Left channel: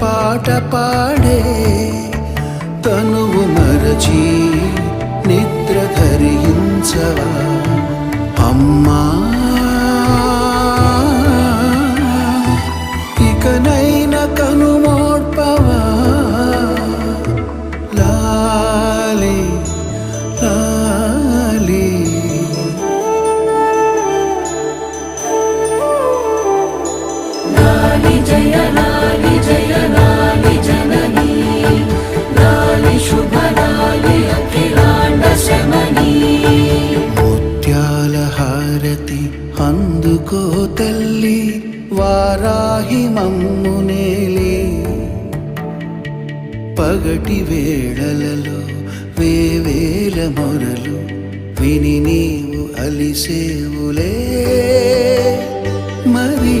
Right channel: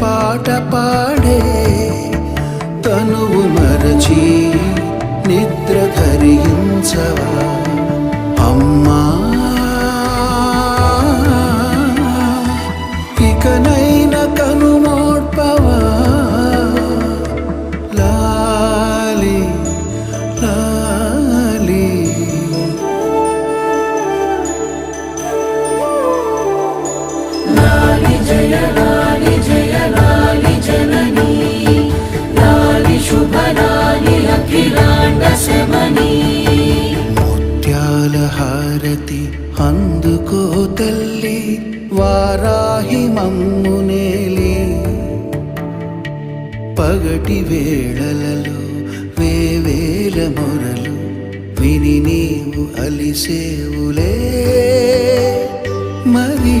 పాట పాడే తనువు మరచి నిద్ర ధరించవా అమ్మా ఇకనైనా కనుమోడ్పవా లాలి లాలి ముత్యాల హారతి అందుకో తల్లి వారాహి మమ్మునేలి పగటి వేళలలో వేవేల మొరలు విని నీవు అలిసేవులే మరి